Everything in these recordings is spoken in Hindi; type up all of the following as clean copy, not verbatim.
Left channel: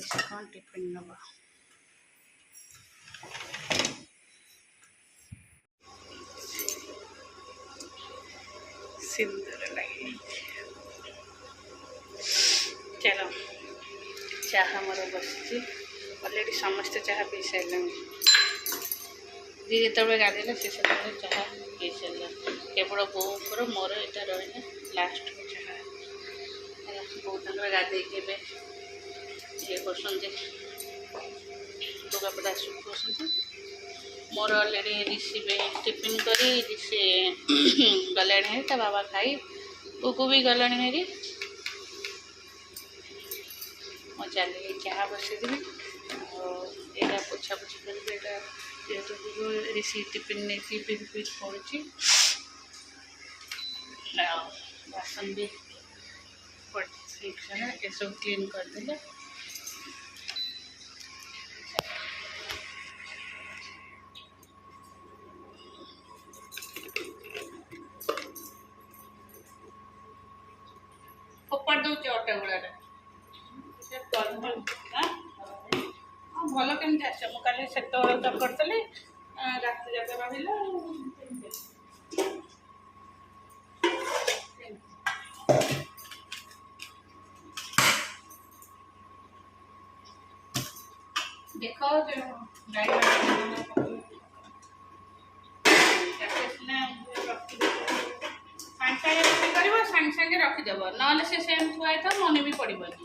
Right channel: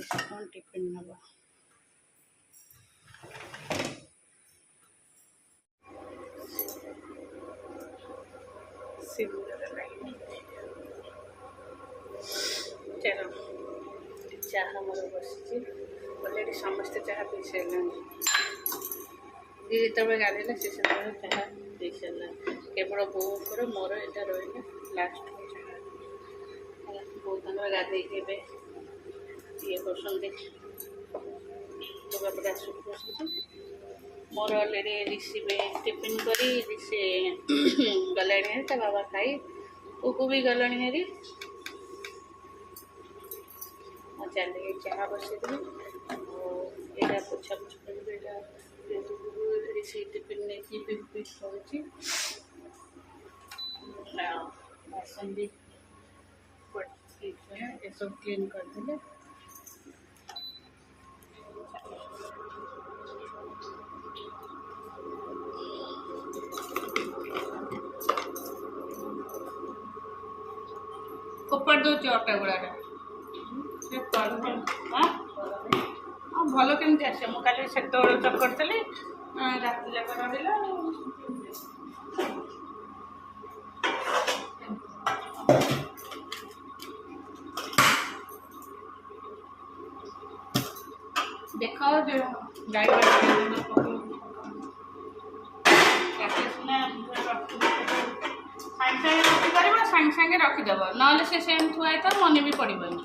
से कौन टिफिन नब सुंदर लगे। चलो चाह मोर बस अलरेडी समस्ते चाह पी सारे जी जो गाधेला से चाह पी सारा केवल बोर मोर यहाँ रहा लास्ट चाह बो गाधे ये कर लुगापटा शुखुंट मोर अलरेडी रिसीव टिफिन करी से गला बाबा खाई को भी गला हेरी मो चली चाह बसईदेवी यहाँ पोछा पोछी करी ऋषि टिफिन नहीं पिक पड़ी बासन भी ये सब क्लीन करदे फोपाड़ दौर अटा गुड़ा भल केमती आस मुझे से चकड़ी रात जाक रहा देख जो गाई सागे सागे रखीदेव ना से सेम थुआई था मन भी पड़ोनी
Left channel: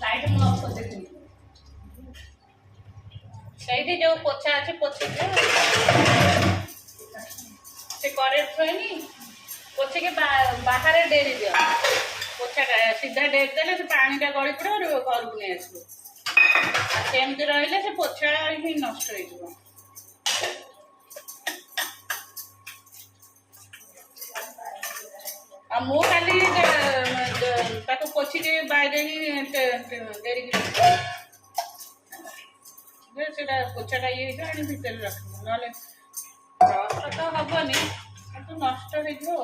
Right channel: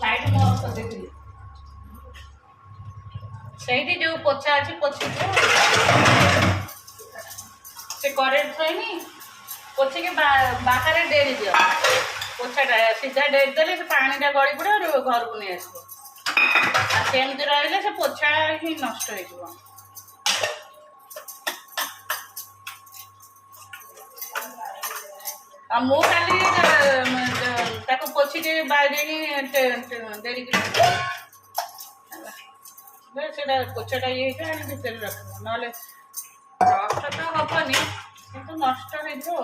लाइट मु ऑफ कर देती सही जो पोछा अच्छे पोछे से करेंट थोनी पोछे के बाहर डेरी दियो पोछाटा सीधा डेरी देले से पानीटा गली पड़े घर को नहीं आसो सेमती रही से पोछा ही नष्ट हो मु खाली पोछी बाहर डेरी पोछाटा ये भितर रख ना रस्ट तो हेनी कि नष्ट हो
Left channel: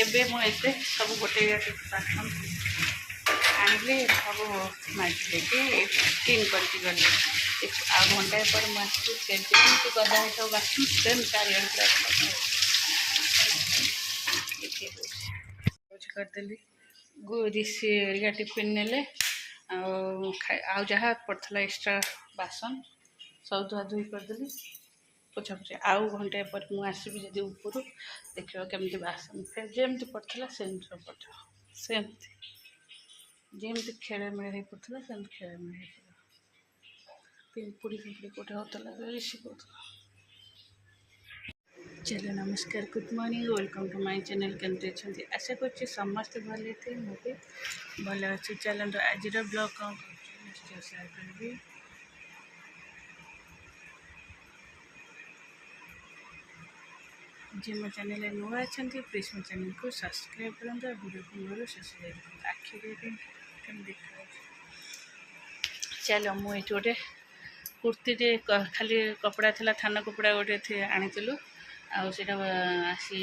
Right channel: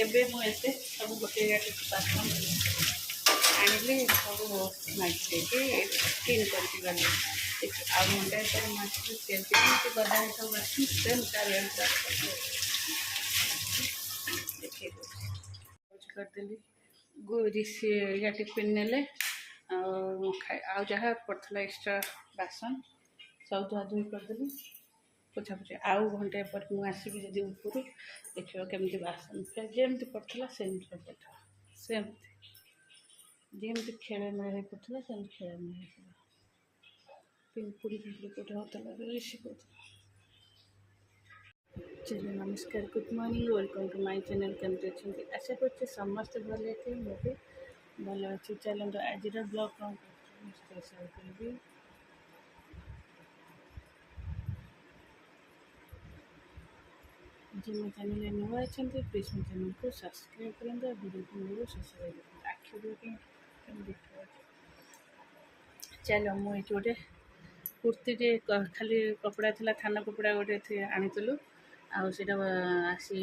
ଏବେ ମୁଁ ଏତେ ସବୁ ଗୋଟେ ବାସନ ଆଣିଲି ସବୁ ମାଜି ଦେଇକି କ୍ଲିନ୍ କରିକି ଗଲି। ଆଉ ଘଣ୍ଟାଏ ପରେ ମୁଁ ଆସିବି ଯେମିତି ଗଦା ହେଇଥାଉ ବାସନ ସେମ୍ ଚାରିଆଡ଼େ ଦେଖେଇ ଦେଉଛି କରିଦେଲି। ରିସିଆ ଟିଫିନ୍ ନେଲେ ଆଉ ଯାହା ପଡ଼ିଥିଲା ଏକ୍ସଟ୍ରା ବାସନ ସବୁ ଧୁଆ ଧୁଇ କରିଦେଲି ପୋଛାପୋଛି। ଆଉ ଘଣ୍ଟାଏ ପରେ ମୁଁ ଆସିବି ଯଦି ଉପରୁ ଦେଖିବ କେମିତି ବାସନ ଯେମିତି ପଡ଼ିଥିଲା ସେମିତି ସବୁ ପଡ଼ିଥିବ। ସେମିତି ଯେମିତି ଖେଳେମେଳେ ହେଇ ପଡ଼ିଥିଲା ସେମିତି ଖେଳେମେଳେ ହେଇଥିବ। ପିମ୍ପୁଡ଼ି କେଉଁଠି ହେଉଥିଲା ରିସି କହୁଥିଲା। चलो नमस्कार good morning welcome to my channel केमती अच्छे आशा करछि समस्त भले थे मु भी भल अच्छी। चलते आज ब्लॉग कौन निश्चय शेयर करी। जी मो चैनल नुआ अच्छा प्लीज मो चैनल को सब्सक्राइब करूँ। वीडियो को मोर शेष आखि देखा। चलो मुझे गोटे कुर्ती खाली कपड़ा थी थाना कपड़ा गोटे आनीलु आईटा आसी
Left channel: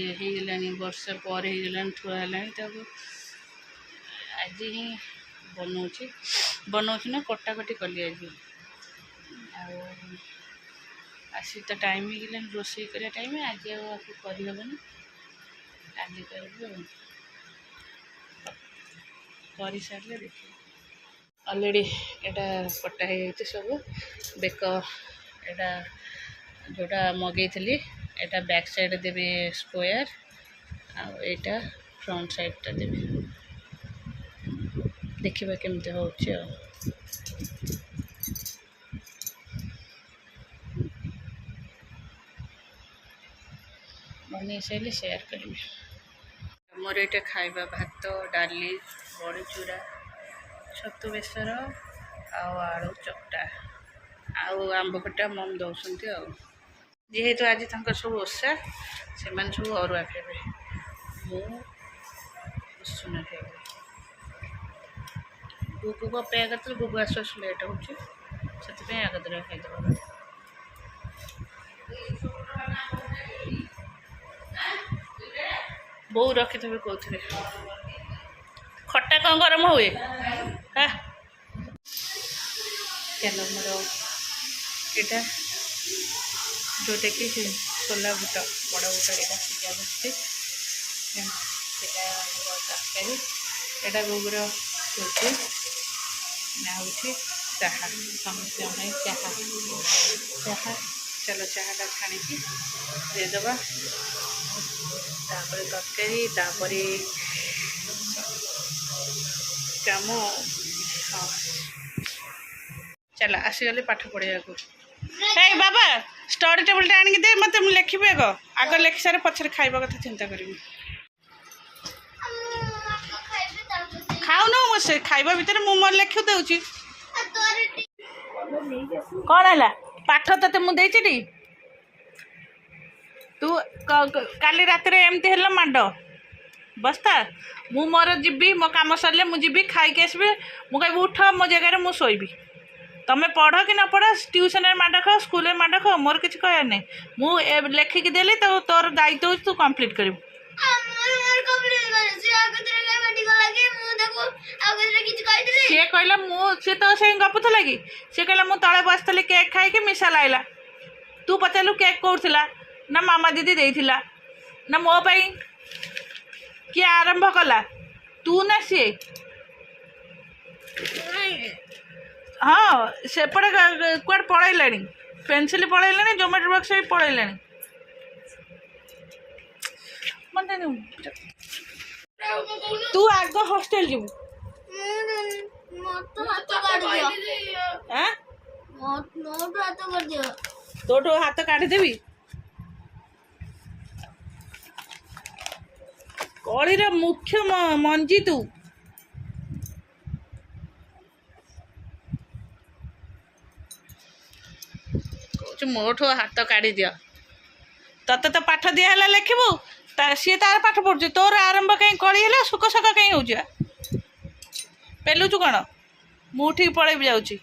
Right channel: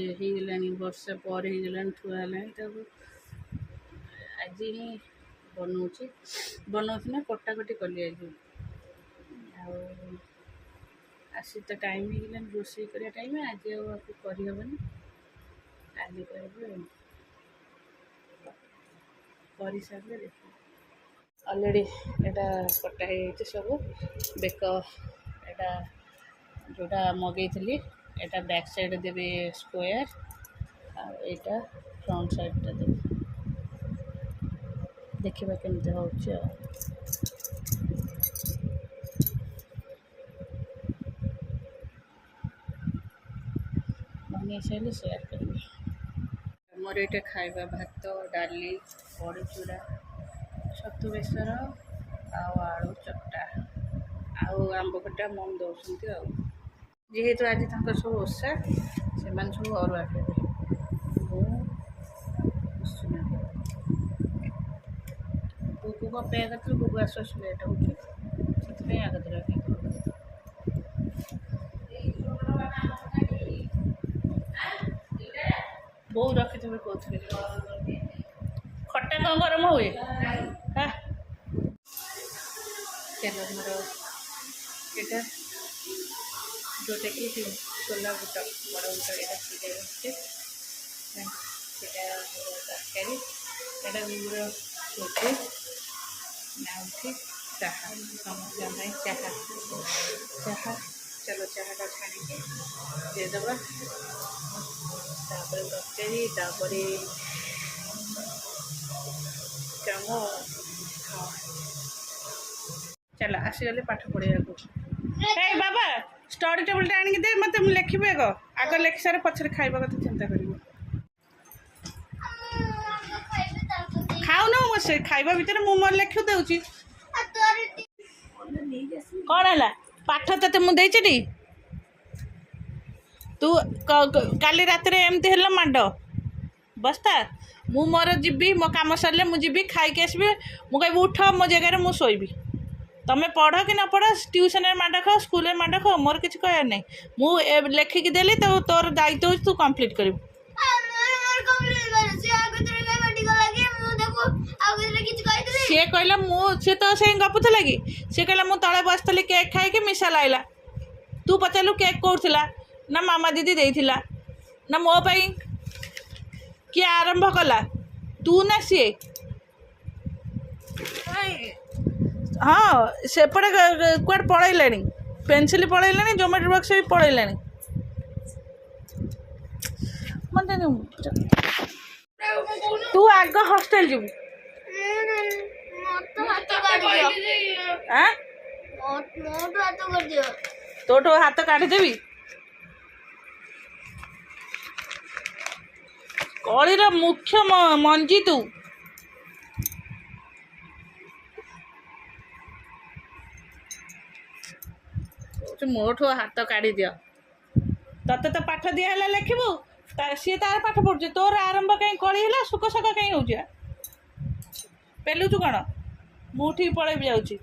वर्षे पर थुआ है आज ही बनाऊँ ना कटाकटी कली आज आसी तो टाइम ही रोषे कर टाइम आज करहबन काली कर सारे देखिए अलरेडी एटा कटा है सब बेक एटा जोटा मगई थी एटा बैक साइड देवी स्क्वायर आटा फ्रंट साइड टा देवी देखा केमती हो बन सारे शेयर करी। मोर ये खाइबा भात डाली बड़ी चूरा छतु बेसर आलू चकटा आंब खटा मम दौरान जेहेतु आज तक सब ओषा से सब अरुआ खाइबे मुसुना खाइबे। बुकु को अपेक्षा करते बुकु आसु आसु लेट हो आगतरा खाइदेव। बो रखी थे कौन खटा कौन गरम हुए हाँ चलो मोर यहाँ जोटा कि छोला बुट बड़ बुट यहाँ सीधा बसते हम तरकारी यहाँ गुगुर रोटी नाउठी चाहा समस्त चाहा चाहा। चलो चाहाटा छाणी देदेबा तापर तरकारी तापर कम हाँ चल आसीगले पाठ पढ़ा को हे बाबा स्टडी टेबल आनिक दे मत लिखी आग लिखि सारे पछरे खाइबा कथा चिंता करी खाऊन से खाइबा भितर मु मोर लिखि देउची कौन है पाठ तो मुझे तू काली रात एमती है माड बस्ता मु मोर जीवी मो कम सरले मुझे खाई आसबि मु कह उठ मो जगह मुझे शोबी तमें पढ़ कि न पढ़ ट्यूशन माड खाओ स्कूल माड खाओ मोर किसी कह ना मुझे लिखिकी देली तो तोर दायित्व तू कम्प्लीट कर सी कहला सी तो से गपुला कि सी कहला मु तले बसती केक खाई मिशा लाइला तू पचारू केक कौला ना मामा दीदी देइथिला ना मो पाई किए आरंभ कला तू ना सी हाँ सेपटे कौट पलैला पेनसिल पलैला जोमेट्री बॉक्स भी पलैला तू आग हॉस्टेल जीवु तोठू हाथ काढ़ीदेवी कलीर मुख्य मंजी तू मोठो हाथ काढ़ी दियो तते तो पाठ दिया है लिखबू सी तार पाठ पढ़ुଛି तोर आरंभ कहीं कड़ी है सुख सका कहीं हो पेलुचु कौन मु ठीक पलैबी जाऊँ।